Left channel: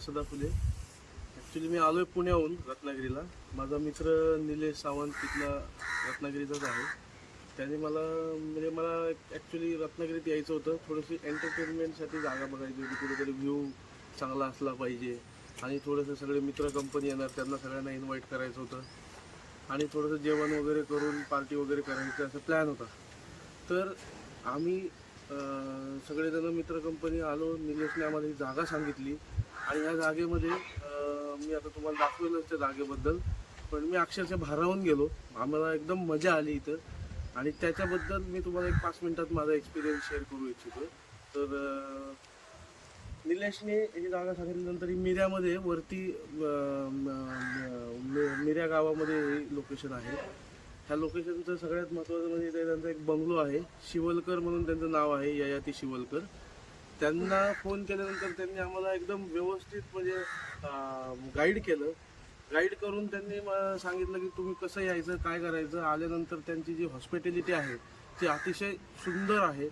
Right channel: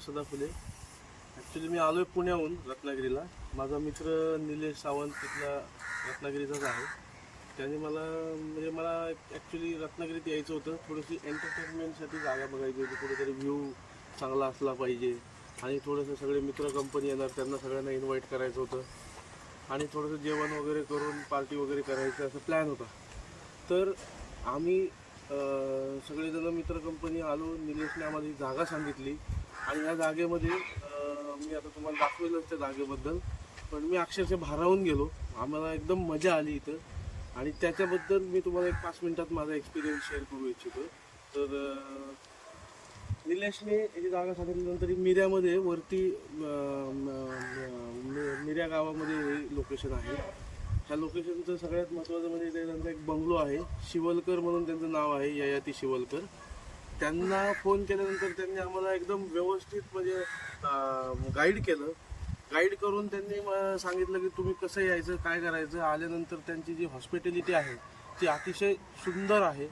Sadaphule. Actually मी आलो आहे पुण्याहून रत्नागिरीला. माझा मित्र निलेश सावंत तिथला रत्नागिरीचाच आहे. त्यांनी मला ॲक्च्युली रत्नागिरीत यायचं होतं. थोडीशी एंटरटेनमेंटसाठी जागा बघायची होती. कुठेतरी व्ह्यू चांगला असला पाहिजे आणि थोडंसं सगळे मित्र कंपनी येणार, त्यांना सगळ्यांना इन्व्हाइट करायचं होतं आणि थोडंसं जेवण वगैरे करून पार्टी वगैरे करायचं असं प्लॅन होता. तर आम्ही सगळेजण मित्र कंपनी आलो. निलेशने आम्हाला ही जागा सांगितली आणि ह्या जागेमध्ये मी आता तुम्हाला दाखवेलच त्या जागेबद्दल, पण मी अक्षरशः भारावून गेलो. आम्हाला एकदम मजा आली इथं आणि त्याच्याबद्दल मी तुम्हाला एक 5 मिनिटात माझा एक्सपिरियन्स शेअर करू इच्छितो. तर निलेशने ही जागा सांगितल्यानंतर मिऱ्यामध्ये वरती मिऱ्या गावामध्ये ही लोकेशन आहे. ह्या लोकेशनचं सगळ्यात महत्त्वाचं म्हणजे त्यांचा एक बंगलो आहे. शिवलकर म्हणून त्यांचं नाव आहे, ययाती शिवलकर. त्यांना फोन केल्यानंतर त्यांनी आम्हाला एकदम व्यवस्थित म्हणजे गाईड करून त्यांनी सांगितलं की तुम्ही कसं यायचं, काय करायचं. आल्यानंतर त्यांची जी हॉस्पिटॅलिटी आहे ती अतिशय सुंदर आहे.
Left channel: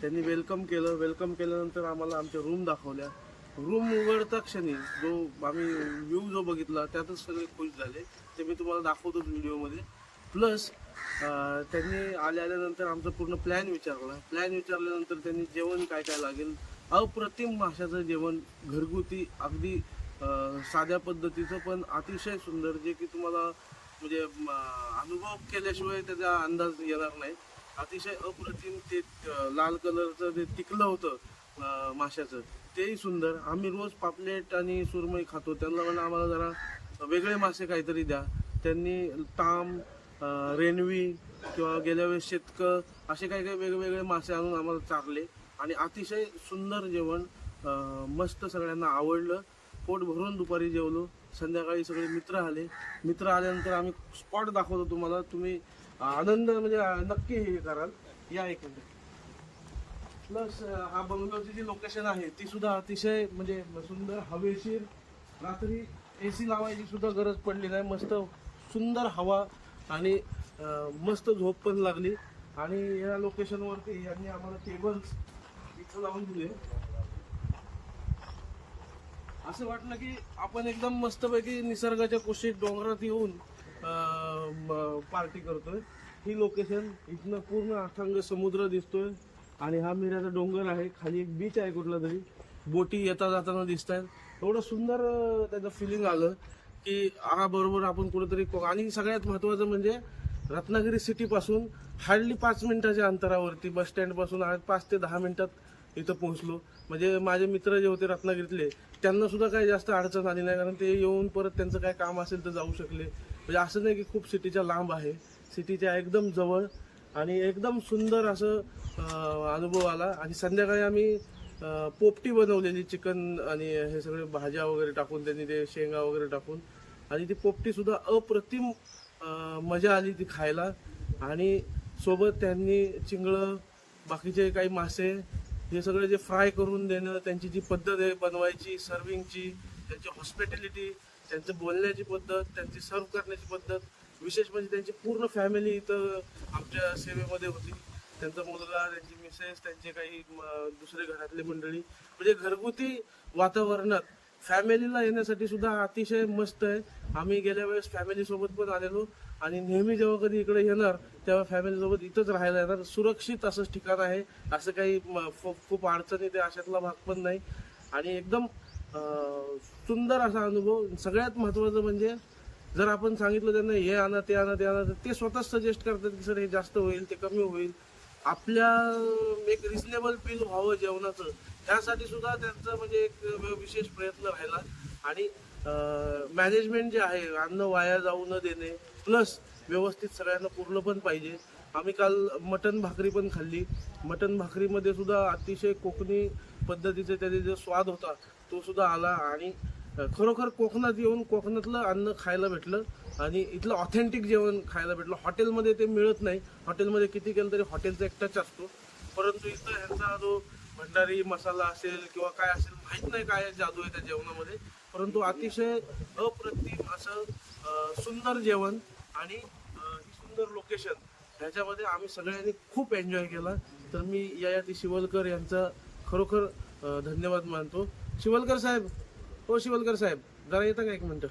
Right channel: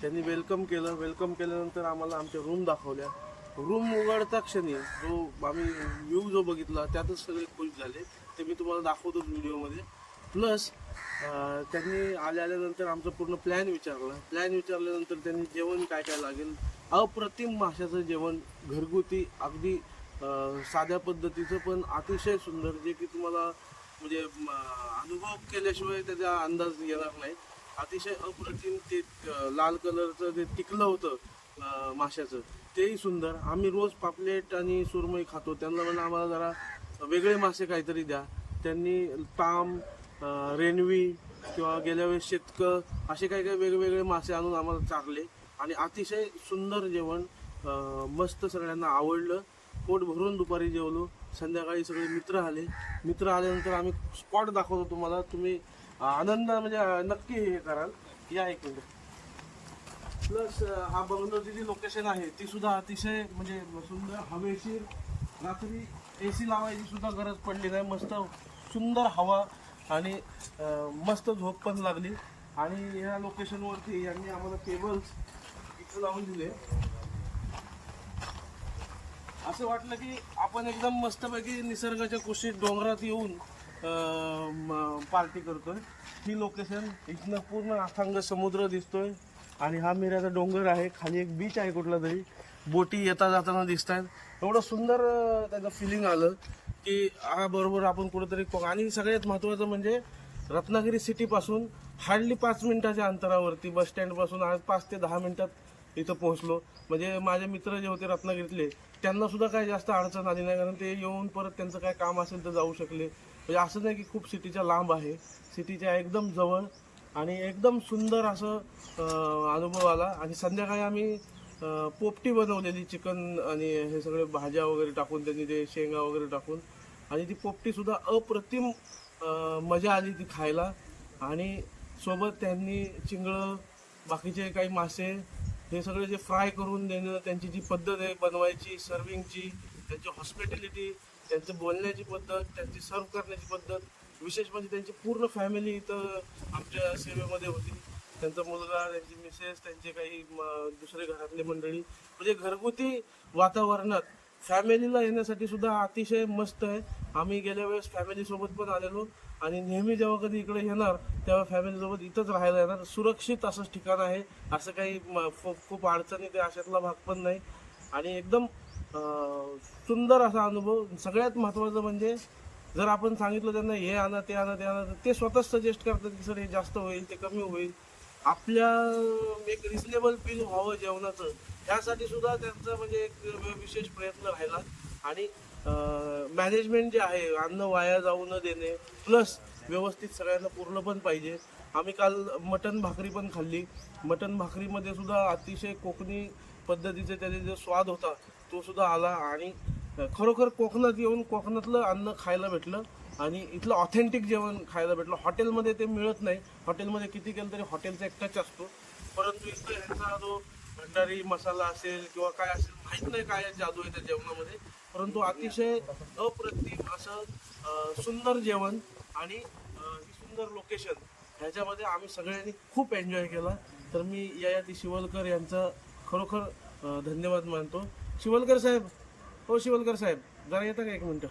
त्यांनी वेलकम केल्यानंतर आम्हाला आमच्या रूम दाखवल्या. रूम उघडता क्षणी जो आम्ही व्ह्यू बघितला त्यातच सगळे खुश झाले. ते मी तुम्हाला दाखवतो व्हिडिओमध्ये. प्लस त्यांनी आल्यानंतर आमचं पूर्ण प्लॅन विचारल्यानंतर त्यांनी जेवण काय काय लागेल, अप्रतिम माशाचं जेवण, घरगुती अगदी साध्या पद्धतीचं पण अतिशय सुंदर, जे की तुम्हाला म्हणजे अनुभव केल्याशिवाय त्याचा अंदाज येणार नाही. अतिशय अप्रतिम. ते लाल कलरचं जे टिकलं होतं माशाचं तेही सुंदर. आम्ही रोज पापलेट आणि सुरमई खातो. त्यांना म्हणून आम्हाला जरा वेगळे मासे काहीतरी द्या. त्यांनी ताम, रेणवी किंवा गेल्या वेळेस शेतकं असे काही वेगवेगळे मासे आणून आम्हाला चारले आणि अतिशय सुंदर जेवण, मस्त, सगळ्यांना आवडलं. पोट भरून दुपारी जेवलो. संध्याकाळी सगळे मित्र आल्यानंतर आम्ही स्पॉट दाखवतो तुम्हाला. तुम्ही आनंद म्हणजे नक्की हे कराल. या एक मिनिट. प्लस हा बंगलोची जी लोकेशन आहे ती सुद्धा अतिशय म्हणजे सुंदर, हवेशीर. रात्री AC लावायची सुद्धा गरज पडली नाही. मस्त सुंदर हवा आणि मस्त झोप पण लागली. आणि ह्या लोकेशनवरती यांनी आम्हाला टेबल्स इथं लावून दिले. असं वाटलं की आपण एकदम मस्तपैकी निसर्गाच्या कुशीत डोंगरात येऊन पार्टी करतोय. ही लोकेशन, इथनं पूर्ण अथांग समुद्र दिसतोय आणि हा मिऱ्याचा डोंगर आहे. खाली एक बीच आहे कुठला तरी, बोटी येता जाताना दिसत आहेत. एवढं सुंदर त्याचं फिलिंग आलं की बरोबर आपण कुठेतरी. आणि सगळ्यात महत्त्वाचं म्हणजे रत्नागिरी सिटीपासून हार्डली 5 मिनिटाच्या अंतरावरती, बस स्टँडपासून आज 5 ते 10 मिनिटात इथं पोहोचलो. म्हणजे माझे मित्र जे होते रत्नागिरीतले त्यांना सुद्धा काही जास्त अडचण आली नाही, कारण ते येऊन परत त्यांचं काय काम असेल तर जाऊ शकले. म्हणजे असं नाही की खूप सिटीच्या लांब आहे, सिटीच्या एकदम जवळ आणि एकदम सुंदर असं अनुभव आला. आणि संध्याकाळी आम्ही पोपटी बनवलेली, चिकन आणि हे सगळे भाज्या वगैरे टाकून, त्यांनी ते शेंगा वगैरे टाकून, आणि ती पोपटी सुद्धा अप्रतिम मजा आली ती खायला. आणि सोबत त्यांनी चिंगळं, बाकीचे काही मासे, हे सगळे जे फ्राय करून देणं, त्यांची जी पद्धत आहे बनवायची, सर्विंगची, त्यांची हॉस्पिटॅलिटी, त्यांचं बोलण्याची पद्धत, त्यांची सर्व करण्याची पद्धत, विशेष म्हणजे त्यांची पूर्ण फॅमिली इथं आमच्या सेवेमध्ये होती. त्यांचा मुलगा, त्यांची मिसेस, त्यांचे काही दुसरे घरातले मंडळी, म्हणजे घरगुती वातावरणात फॅमिलीला येण्यासाठी सुद्धा अतिशय मस्त आहे. आम्ही गेल्या वेळेस फॅमिलीसोबत पण आलेलो आणि नेहमी जेव्हा कधी इकडे येणार तेव्हा फॅमिलीसोबत इथंच राहायला येणार. सुरक्षित असंच ठिकाण आहे, असं काही खूप अडचणी ते अशातला भाग पण नाही आणि एकदम सुंदर असा अनुभव. सगळ्यात महत्त्वाचं म्हणजे जर आपण सांगितलं त्यांना हे आणा ते आणा ते आणा, ते स्वतःच सजेस्ट करतात की सर हे जास्त होईल, ते कमी होईल. आपल्या एक रिजनेबल बिल व्हावं जेवणाचं, ह्यासाठी सुद्धा त्यांचं म्हणजे एक विशेष प्रयत्न राहिला. आणि मॅनेजमेंट जे आहे, अन्न वाया जाऊ न देणे, प्लस व्यवस्थित सगळ्यांना पुरलं पण पाहिजे. आम्ही काल मटण भाकरी पण खाल्ली. मटण भाकरीमध्ये सुद्धा अतिशय कोकणी पद्धतीचे त्याचे जे स्वाद होता तो सुद्धा आला आणि खरोखर कोकणात येऊन कोकणातलं अन्न खायला भेटलं आणि इथलं ऑथेंटिक जेवण खायला भेटलं. हॉटेलमध्ये ते मिळत नाही. हॉटेलमध्ये किती केलं तरी हॉटेलचा एक टच असतो, परंतु इथं ह्यांचा जो भंडारी मसाला असेल किंवा काय असेल, माहीत नाही काय जादू आहे त्या जेवणामध्ये, परंतु अतिशय अप्रतिम असं सुंदर जेवण आणि सुंदर लोकेशन, ह्याच्यामध्ये आम्ही सगळ्यांनी खूप एन्जॉय केला. तर मी ययाती शिवलकर यांचा खरोखर धन्यवाद मानतो. शिवलकर साहेब, हो शिवलकर साहेब, जरा येता का एक मिनिट?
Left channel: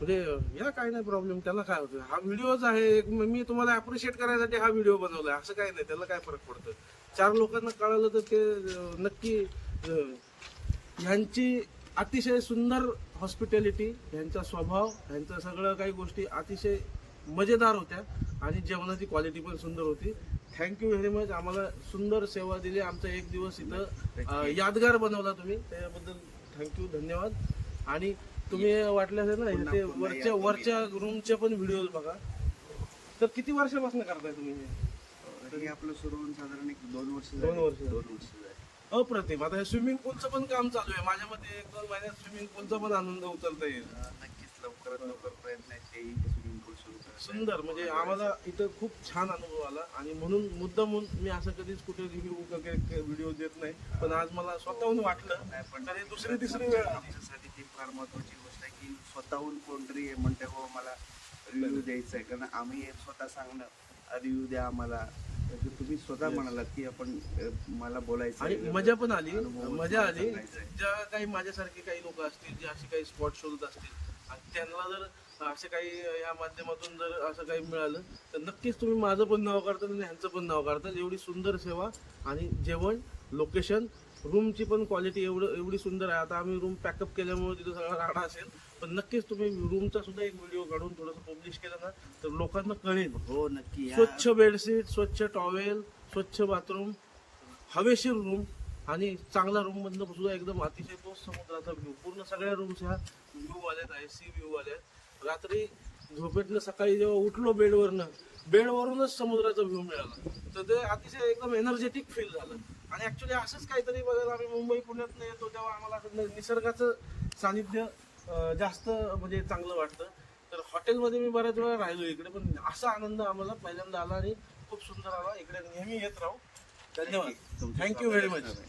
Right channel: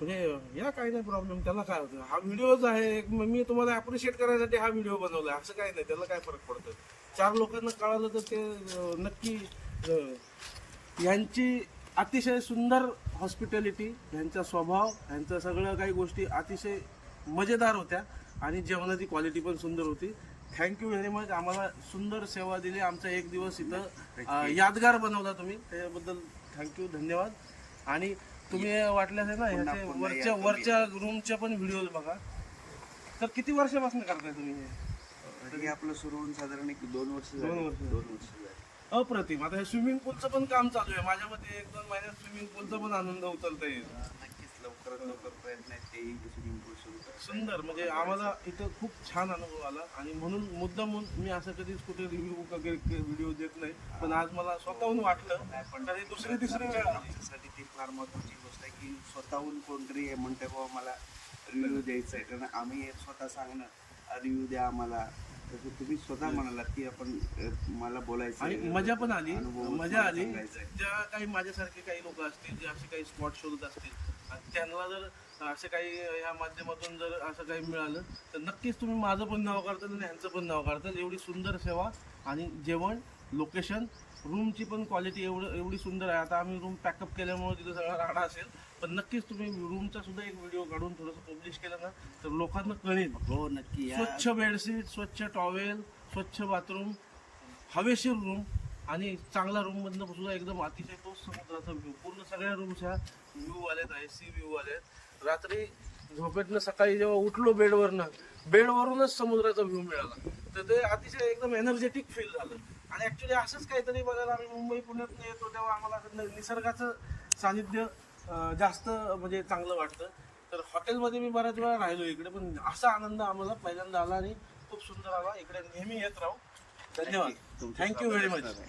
म्हणजे या काही नाही प्रॉब्लेम, त्याला काय होतं, हा व्हिडिओच आहे एक, मी तुम्हाला अप्रिशिएट करायसाठी हा व्हिडिओ बनवलाय, असं काही नाही, त्याला काय फरक पडतो. 4 लोकांना कळालं तर ते नक्की. यांची अतिशय सुंदर हॉस्पिटॅलिटी, यांचा स्वभाव, यांचं सगळं काही गोष्टी अतिशय मजेदार होत्या आणि जेवणाची क्वालिटी पण सुंदर होती. थँक्यू व्हेरी मच, आम्हाला सुंदर सेवा दिली, आमचा एक दिवस इथं यादगार बनवला तुम्ही, त्याबद्दल थँक्यू, धन्यवाद. आणि तुम्ही वाटल्यास ना ह्याचे वरच्या रूमचे पण व्हिडिओ बघा. तर किती वर्षापासून करताय तुम्ही हे? हे आपलं सुरू होऊन साधारण 2 वर्ष दोन वर्ष. 2 वर्ष झाली. अप्रतिम. आता हे स्विमिंग पूलचं पण काम चालू आहे, माझ्या मते 1-2 महिन्यात स्विमिंग पूलचा पण आनंद उचलता येईल. नक्कीच लवकरात लवकर प्रयत्न आहेत तेही स्विमिंग पूल सुरू करायचे. सुंदर, म्हणजे आम्हाला इथं खूप छान अनुभव आला आणि म्हणून मुद्दाम मी असं कधीच कुठे रिव्ह्यू वगैरे व्हिडिओ देत नाही, पण आज मला स्वतःहून वाटलं. नाही, पण आणि तिसरी वेळ आली. आमच्यासाठी ती फार महत्वाची गोष्ट आहे की स्वतःहून कोणतरी हे म्हणते बाबा मला रिव्ह्यू द्यायचा आहे, कारण आम्ही हे स्वतः सांगणं रिव्ह्यू द्या आम्हाला, तर तुम्ही स्वतः म्हणालात की आपण मला बोलायचं आणि आहे, मजा पण आली, अनुभव मजा आली. सांगायचा आहे. ज्या काही माझ्यासारखे काही लोक असतील जे असे काही स्पॉट शोधत असतील आणि त्यांना जर असे काही या माध्यमातून जर असं काही मिळालं तर नक्कीच तुम्ही माझं पण नाव करताल आणि ह्यांचं पण नाव करताल. एवढी सुंदर सेवा आणि जेवण, लोकेशन, रूमची पण क्वालिटी एवढी सुंदर आहे. आता आम्ही रूम पॅकअप केल्यामुळे तिथं सगळा राडा असेल, पण नक्कीच तुम्ही रूमचा सुद्धा एक व्हिडिओ काढून थोडंसं पब्लिश केलं ना तर लोकांना कळेल. हो नक्की या. स्वच्छ बेडशीट, स्वच्छ टॉवेल, स्वच्छ बाथरूम, हवेशीर रूम आणि चांगला रूम मधनं सुद्धा एकदम अतिशय तो समुद्राचा व्ह्यू. पूर्ण सगळ्या रूम्स ह्या व्ह्यू वाल्यात आहे, सी व्ह्यू वाल्यात. रात्री झोपेतनं सकाळी जेव्हा उठलो बेडवरूनच समुद्राचा व्ह्यू मिळाला, तर ते अतिशय एकदम एनर्जेटिक फील झालं. आणि ऍक्च्युली असंच काहीतरी बघायला आम्ही मुंबई पुण्यात येतो तेव्हा आम्हाला असं निसर्गाचं सानिध्य जास्त म्हणजे चांगलं वाटतं. तर हॉटेलमध्ये मी बऱ्याच वेळा राहिलो इकडे, पण असा आनंद आम्हाला पहिल्यांदा आला आणि खूप सुंदर आला. इकडे नेहमी येत राहू. धन्यवाद, थँक्यू व्हेरी मच.